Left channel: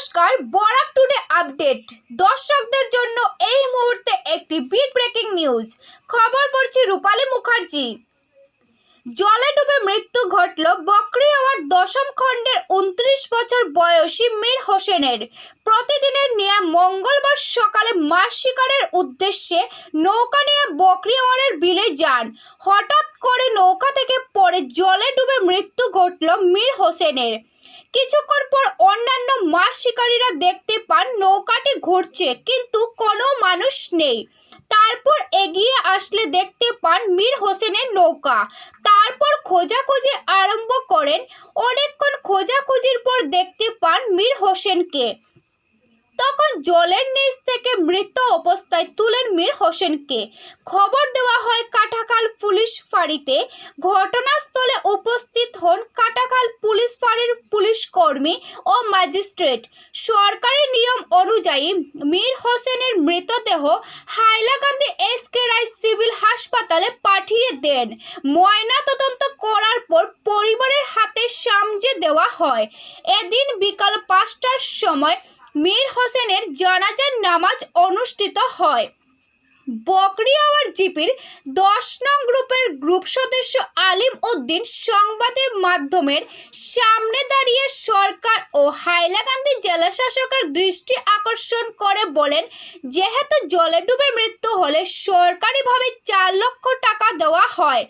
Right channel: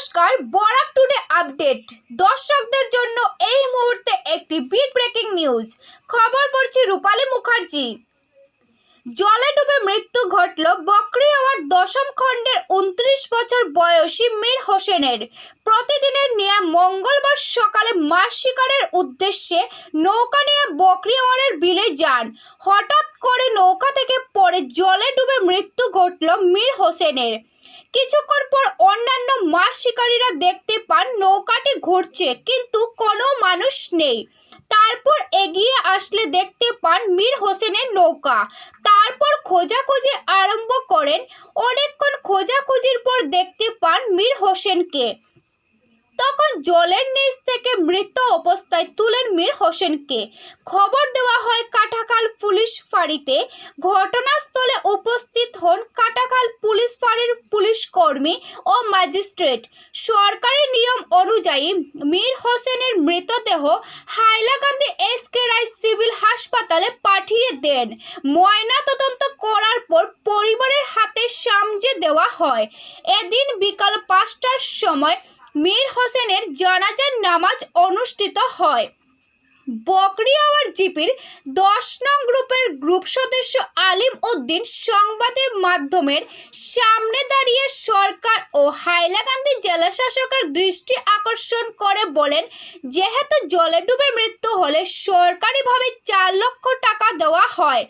নমস্কার, Barak today update. দর্শকদের জন্য এই মুহূর্তে একটি বিগ ব্রেকিং নিউজ খবর পড়ছি রূপালী মুখার্জি। জলে ডুবে মৃত্যু ঘটল বকরি হওয়ার দশম খণ্ডের উনত্রিশ বছর বয়সী মীর হোসেনের। প্রতিদিনের নিয়ে মঙ্গলবার সকালে মাছ শিকারের উদ্দেশ্যে নৌকা নিয়ে বকরিওয়ারের বিলে যান। হঠাৎ করে নৌকা থেকে পড়ে জলে ডুবে মৃত্যু ঘটল মীর হোসেনের। কিছুক্ষণ পর অন্যান্য মাছ শিকারীরা দেখতে পান নৌকাটি ঘুরছে, কিন্তু কোনো মানুষ নেই। তারপর এগিয়ে আসলে দেখতে পান মীর হোসেনের নৌকা। তারপর খোঁজাখুঁজি আরম্ভ করেন। অনেকক্ষণ খোঁজাখুঁজির পর দেখতে পান মীর হোসেনকে। তখন জলের নিচ থেকে মৃত অবস্থায় তুলেন মীর হোসেনকে। খবর দেওয়া হয় কাটাখাল পুলিশ ফাঁড়িতে। ঘটনাস্থলে উপস্থিত হন কাটাখাল পুলিশ ফাঁড়ির পুলিশ কর্মী ও ম্যাজিস্ট্রেট। সরকারি নিয়ম অনুযায়ী মীর হোসেনের মৃতদেহ Hailakandi S K Roy civil হাসপাতালে পাঠিয়ে দেন। ময়না তদন্ত করার পর পরিবারের হাতে সামজে দেওয়া হয়। এদিন বিকাল পাঁচটার সময় মীর হোসেনের জানাজার নামাজ অনুষ্ঠিত হয়। বকরিয়াওয়ার জিপির দশ নং গ্রুপের গ্রুপ সদস্য আলিম উদ্দিন সংবাদের মাধ্যমের সামনে দাঁড়িয়ে সরকার ও হাইলাকান্দি জেলা শাসকের দৃষ্টি আকর্ষণ করে বলেন, যেহেতু জলে ডুবে মৃত্যু হলে সরকারিভাবে চার লক্ষ টাকা দেওয়া হয়।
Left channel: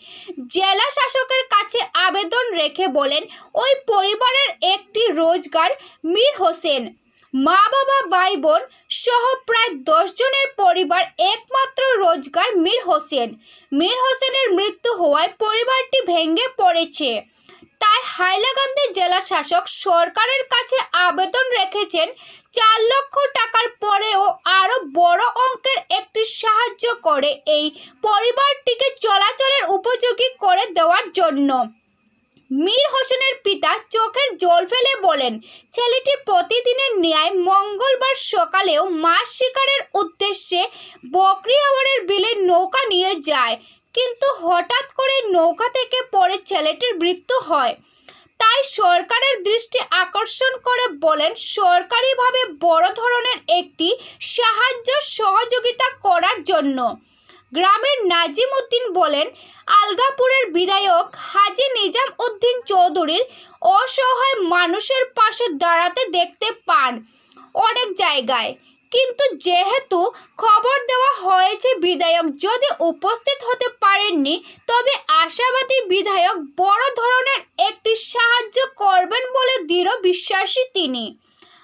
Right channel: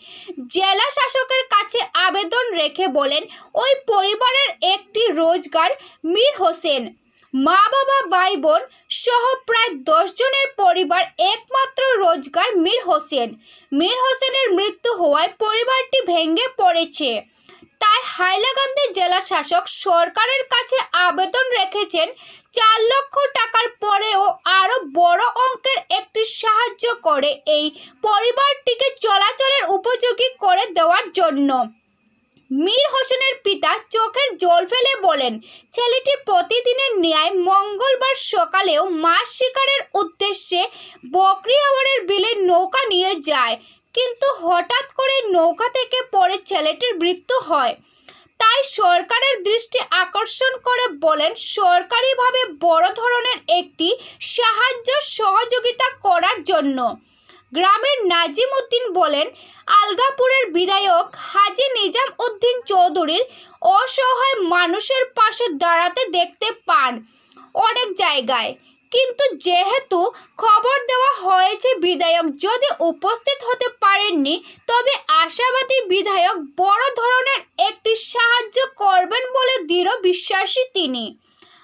জেলা শাসকের কাছে আবেদন রেখে বলেন, ওই পরিবারের একটি রোজগার, মীর হোসেন। মা বাবা ভাই বোন সহ প্রায় দশ জনের পরিবার একমাত্র রোজগার মীর হোসেন। মীর হোসেনের মৃত্যু হওয়ায় পরিবারটি ভেঙে পড়েছে। তাই হাইলাকান্দি জেলা শাসক সরকারের কাছে আবেদন রেখেছেন, চার লক্ষ টাকার পরেও আরও বড় অঙ্কের একটি সাহায্য করে এই পরিবারটিকে চলাচলের উপযোগী করে দেওয়ার জন্য। মীর হোসেনের পিতা চোখের জল ফেলে বলেন ছেলেটি প্রতিদিনের ন্যায় মঙ্গলবার সকালেও মাছ শিকারের উদ্দেশ্যে বকরিয়াওয়ারের বিলে নৌকা নিয়ে যায়। কিন্তু হঠাৎ করে নৌকা থেকে পড়ে ছেলেটির মৃত্যু হয়। তাই সরকারের দৃষ্টি আকর্ষণ করে বলেন, সরকারিভাবে বড় ধরনের একটি সাহায্য সহযোগিতা করার জন্য। গ্রামের নাজিম উদ্দিন বলেন, আলগাপুরের বিধায়ক হাজি নিজাম উদ্দিন চৌধুরীর অসহায় মানুষের পাশে দাঁড়াতে দেখতে পান অনেক জায়গায়। কিন্তু যেহেতু খবর দেওয়া হয়েছে বিধায়ক যদি উপস্থিত হতে পারেননি, তবে আশাবাদী বিধায়ক বড় ধরনের একটি সাহায্য করবেন বলে দৃঢ় বিশ্বাসী তিনি।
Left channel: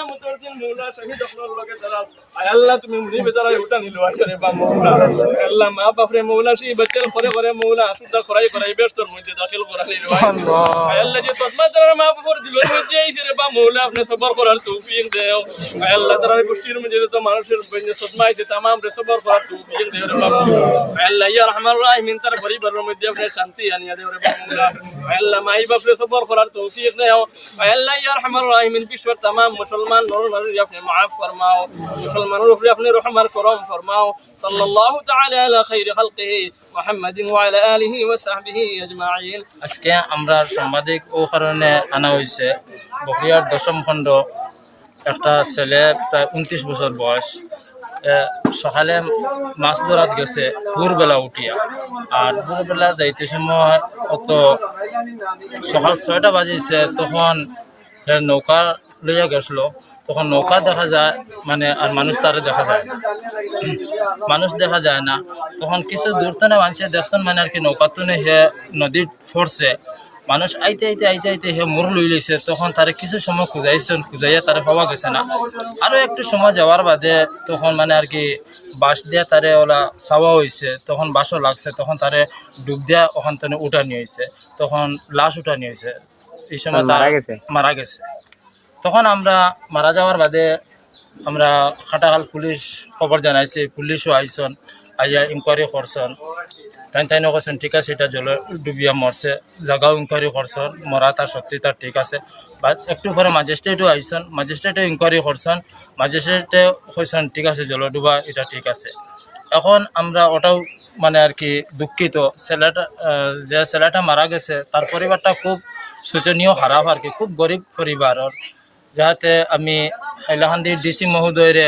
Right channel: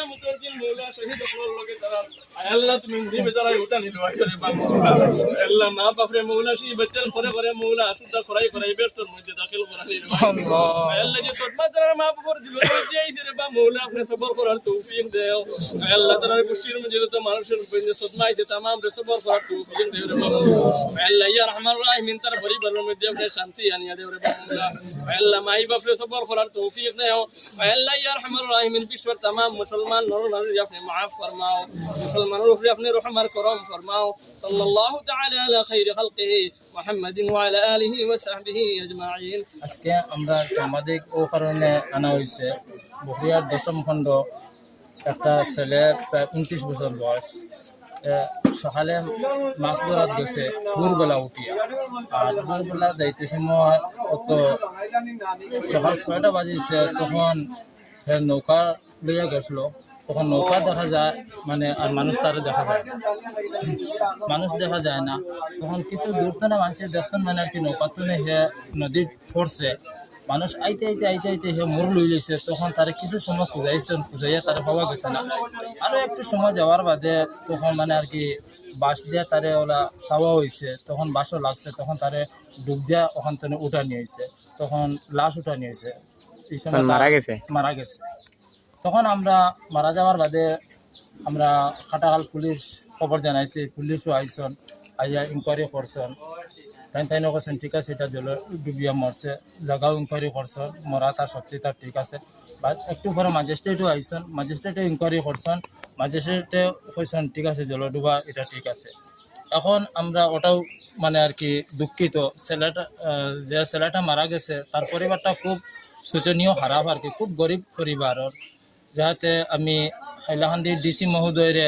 কিয়ামতের দিন মৌলা শহীদ হওয়ার লগে তারা আল্লাহ তুমি মুড়ি বেতারা উঠা নিল আসরে বা মৌলা। আল্লাহ মা বাপরে মৌলা সেই বাচ্চার ঘরে ঘরে মৌলা আসুদা করাই করাই ব্যস্তর মধ্যে দাখিল করা নিল আল্লাহ যে সদমা তারা মা বাপর দিলের মধ্যে আইছে রে বা মৌলা আপনি সবর করার তৌফিক দেও। আল্লাহ তারা গোষ্ঠীর মধ্যে তো মানুষের মধ্যে সদমা আইছে তামাম রে সবর করার তৌফিক দেও রে বাবা আল্লাহ ইয়া রহমান রাহিমিন তার পরিবারের মধ্যে আপনি শান্তি আনিয়া দেও রে বাবা আল্লাহ মাই বাপরে সবর করার তৌফিক দেও। আল্লাহ ইয়া রহমান রাহিমিন বিশ্বের তামাম মুসলমান নর নারী আপনি মাফ ফরমাও মুসলমানের উপরে আপনি রহমান করম ফরমাও, সাল্লাল্লাহু তাআলা আলা খাইরি খালকিহি মুহাম্মাদিন ওয়া আলা আলিহি ওয়া সাহবিহি আজমাইন। আজকে আমরা সাংবাদিক ও কারণে আনা হয়েছে বকরিয়ার দশম খণ্ড। একটা ছেলে প্রায় উনত্রিশ বছর বয়স। সকালে মাছ ধরাত গেছে ভোরবেলা উঠিয়া। আর ভোরবেলা যাইতে সময় অত সকাল ছয়টা বাজিছে, তখন নৌকা লইয়া গেছিল তখন নৌকা দেখা যায় মানে আর মানুষ তারে দেখা যায়। না। মানুষ দেখা যায় না। তখন কিছু দূর তো মানুষে দেখছেন মানে আর কি নৌকা তো হে নদীর পড়ছে মানুষ আইতে আইতে আইতে আইতে হে মোর লই লইছে তখন তারে কিছু সময় খুঁজাইছেন খুঁজাইয়া তারে পাওয়া গেছে না। আরও একটু সময় যাওয়ার বাদে তখন মানে আর কি বাঁশ দিয়া তারে ওলা চাওয়া হয়েছে তখন বাঁশও লাগছে। তখন তারে ডুব দিয়া ওখান থেকে উঠা নিয়ে হয়েছে তখন লাশ উঠা নিয়ে হয়েছে এই সময় মারা গেছে? মারা গেছে। তখন আমরা মারা যাওয়ার বাদে আমরা খাটাখাল পুলিশ খবর জানাইছি, পুলিশও আইসন, আইয়া ইনকোয়ারি করছেন তাই তাই কৈছেন ঠিক আছে, এটা জল ডুবিয়া মরছে। জাগাও ইনকোয়ারি করছেন মরা তার সত্যি তার ঠিক আছে। বা একটু পরে ম্যাজিস্ট্রেটও আইসন ম্যাজিস্ট্রেটও ইনকোয়ারি করছেন ম্যাজিস্ট্রেটে কইছেন ঠিক আছে, জল ডুবা, এটা ঠিক আছে। এখন আমরা ওটাও মানে আর কি দুঃখিত। ছেলেটা যে ছেলেটা মারা গেছে, তার পরিবারটা খুব শোচনীয়, খারাপ আর কি, খুব গরিব পরিবারের। যাতে আমি হাইলাকান্দির ডিসি মহোদয়রে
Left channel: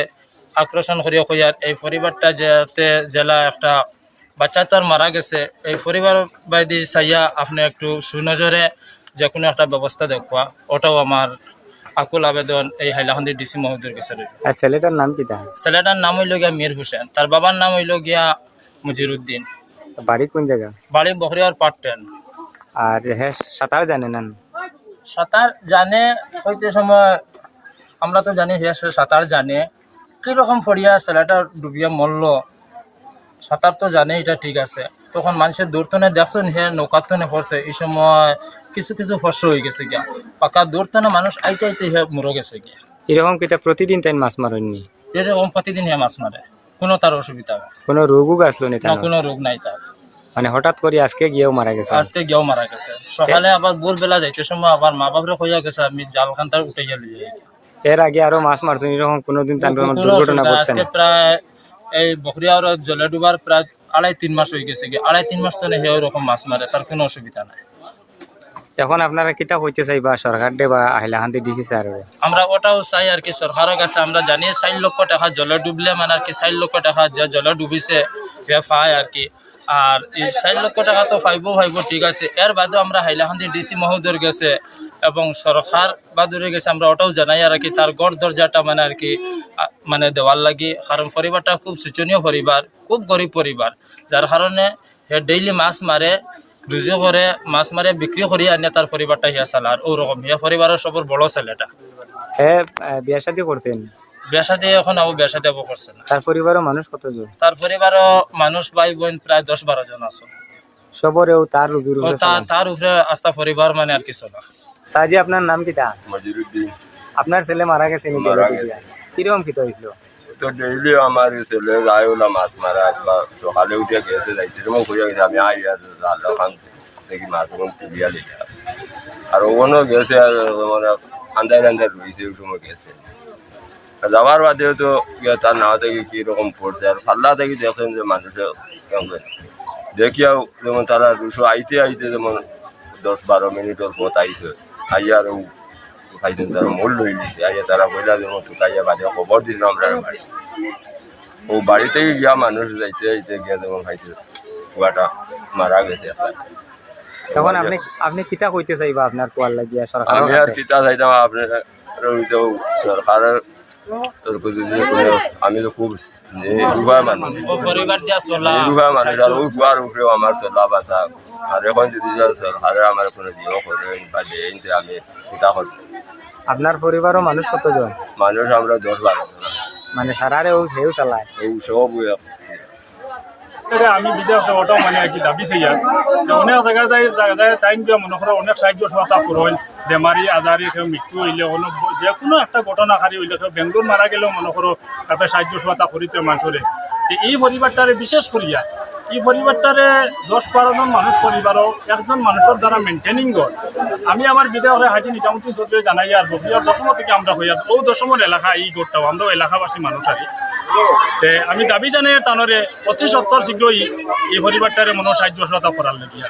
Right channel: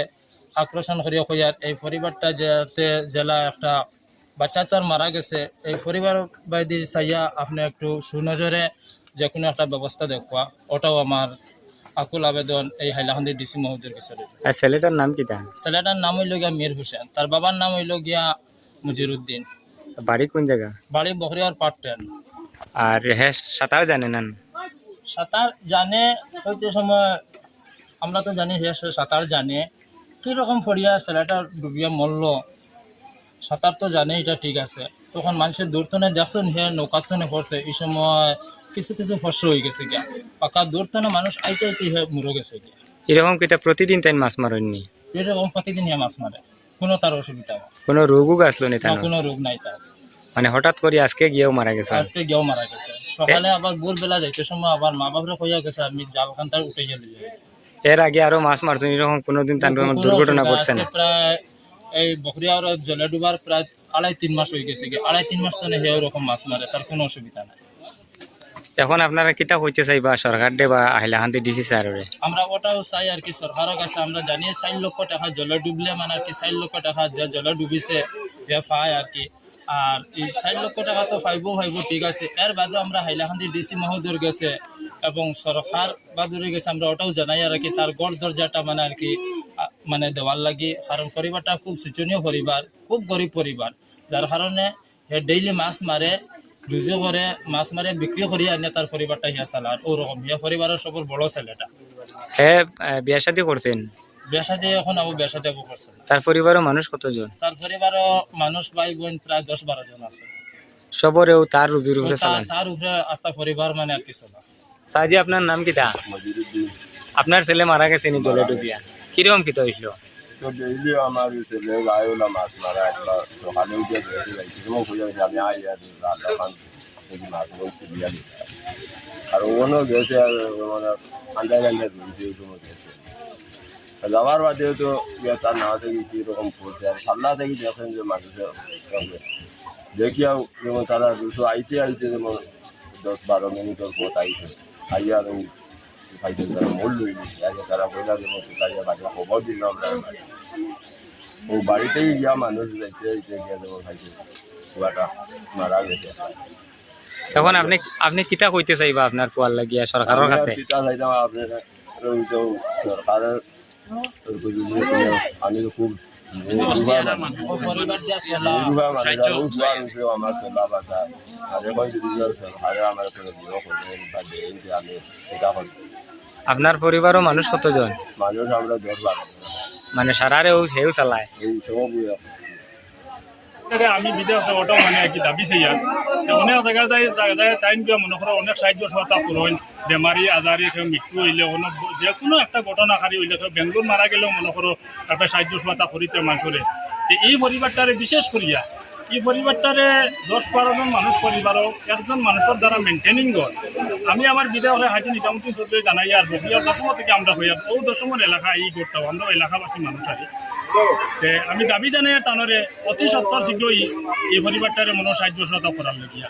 আকর্ষণ করি কইয়ার এই পরিবারটা যাতে জেলা একটা বাচ্চা তো আর মারা গেছে এই পরিবার বাইদি চাইয়া আপনি একটু সুনজরে যে কোনো একটা ব্যবস্থা দেখবা। ওটাও আমার আকুল আবেদন এই হাইলাকান্দির ডিসি মহোদয়ের কাছে আর ছেলেটার নাম কি ছেলেটার নাম হইল গিয়া মীর হোসেন। তার বাবার নাম হইল গিয়া মুজিরুদ্দিন। বাড়ি কোন জায়গা? বাড়ি বখরিয়ার পাট্টেন আর হ্যাঁ সাঁতার জানে না। সাঁতার জানে হইতে সময় আমরা তো জানি সে সাঁতার জানে। কীরকম ফড়িয়া ছেলেটা ডুবিয়া মরল সাঁতার তো জানে এটা ঠিক আছে। তখন মানুষের দূরতনে দেখছেন হে নৌকাতনে পড়ছে এই সময় কিছু কিছু ফর্স হয়ে গেছে গিয়া। পাকা দূরতনে মানুষ আইতে আইতে হে মরে গেছে গিয়া। এরকম কিতা প্রতিদিন তাই মাছ মারেননি? এরকম প্রতিদিন হে মাছ মারে কোনো তার অসুবিধা কোনো রোগও নি না কোনো রোগ নাই তার। মানে হঠাৎ করে আজকে গিয়েও মারা গেছে। আজকে গিয়েও মারা গেছে। সকালে আবার ভোরবেলা যাইতে সময় আবার মা বাপরে কইয়া গেছে আমি জালখান তার উঠে গেলি এর আগে আরও মাছ মারছেন এরকম কোনোদিন তার কোনো দুর্ঘটনা আজকে প্রায় এই বকরিয়ার জলে ডুবার প্রায় আড়াই তিন মাস হয়ে গেছে। আড়াই তিন মাস তো নেই ওরকম মাছ মারে তার কোনো অসুবিধা নাই। এখন আপনারা কিতা হইতে চাইবা সরকার দে বা হাইলাকান্দি ডিসি স্যারের আমরা ওটাও চাই আর কি সরকারের কাছে আমরা জানি চার লক্ষ টাকা জলে ডুবলে মানে আর কি চার লক্ষ টাকা যে জলে ডুবিছে পায় আর কি। আর এই চার লক্ষ টাকা তো পাইব পাইব ঠিক আছে। এর বাদেও আমরা হাইলাকান্দি ডিসি মহোদয় গেছে এবং সরকার বাদুরে গেছে, আমরা ওটাও জানাই আর কি, তার গড় দরজাটা মানে আর কি মানে দেওয়ার লাগে। কারণ পরিবারটা খুব শোচনীয় পরিবার, খুব গরিব পরিবার, যার কারণে সে ডেইলি মাছ মারে রুজু করে মাছ মারে বিক্রি করি আনে তার পরিবারটা হিয়া চালার ওরকম হিয়া পরিবারের সবর বড় ছেলেটা হ্যাঁ বিয়া সাথে করছেন বিয়া সাথে এখন আবু বিয়া সাথে আবু করছে না। তার পরিবারের মানুষ কতজন? তার পরিবারও মানুষ ভাই বোন প্রায় দশ বারো জন আছে। সবরেও তার রুজির তো তার উপরে আস্থা পরিবার মানে আর কি চলা। সাজি আপনার নাম কিতা মজিরুদ্দিন। আপনার ছেলে মারা গেছে নি মারা ডুবে ডুবিয়া কীরকম হইল তো ডেইলি আমার ছেলে যায় ওলা মাছ মারা সকালে উঠে গেছে যাইতে যেমন ঘুরে গেছে আমি আই আর জাল খান দেখি মাছ এখন তুলিয়া লেগে আর ওখানেও গেছে আর মানে আন্দাজ আন্দাজ রয়েছে ওই সময় গেছে। আর যাবার বাদেও তো ইয়ে তার নাও থেকে কীরকম পড়ছে আর পাল্লা থেকে দেখছেন যে মানুষের কেমন করে। দেখিয়াও যেমন তারা দুশো আইতে আইতে যেমন দশ বারো মিনিটের পথ আইছে আইয়া আর খাইছেন তারা মূল লই নিছে আইয়া তারা কইলা যেমন টুকাইয়া বাদে খবর দিলাম আমরা বাড়ি ও বাড়িতেই গিয়া মানুষ যাইতে যাইতে গিয়া যেমন খাইছে কুয়াটা মারা গেছে। এখন আপনি আপনি কিতা কইতে চাইবা আপনার পোয়ার লাগিয়া সরকারের আমি আর কাছে পিতা চাইতাম আপনার সরকারের তরফে যদি কোনো আমি তো খুব নিরুভা মানুষ। পরিবার নিরুভা মানুষ আর ওই কুয়ার উপরেও আমার চলা বাসা আর এখন যদি সরকারে আমার কোনো দিও করে বা দেয় আমি পিতা করব আপনার পরিবারও মানুষ কতজন? মানুষ আমরা দশ বারো জন। মানে সারারেও হেউ চালায়। ও সব আমি বিদেশ ওটাও মানে আর কি দাবি চাই আর অনেক জায়গা যায় জায়গা যায় টাইম দিয়া মনে করো অনেক সাহায্য সহায়তা করেন বেমারি আজারি কেউ মৃত্যু হইলে অনেক যে কোনো একটা ঘটনাকারী হইলে কেউ বেঙ্গলোর মারা গেলেও মনে করো তারপরে সাহায্য সহায়তা করিতে মানুষরে যে এই পরিবারটারে বিশেষ করিয়া, এই পরিবারটারে দশ বারো জন মানুষ পরিবারও একজন মানুষের দ্বারা মেনটেনিং গড় আমি আমার বিদেশে হাজি নিজামুদ্দিন চৌধুরী জানাই আর বহিয়ার দশম থেকে আমরা হইয়া ও দশমের এলাকা এই গোটটাও, আমরা এলাকাবাসী মানুষ আর তে আমি দাবি জানাই তানরে অতি সত্তর শীঘ্রই এই পরিবারটারে মনে সাহায্য সহায়তা করার লাগিয়া।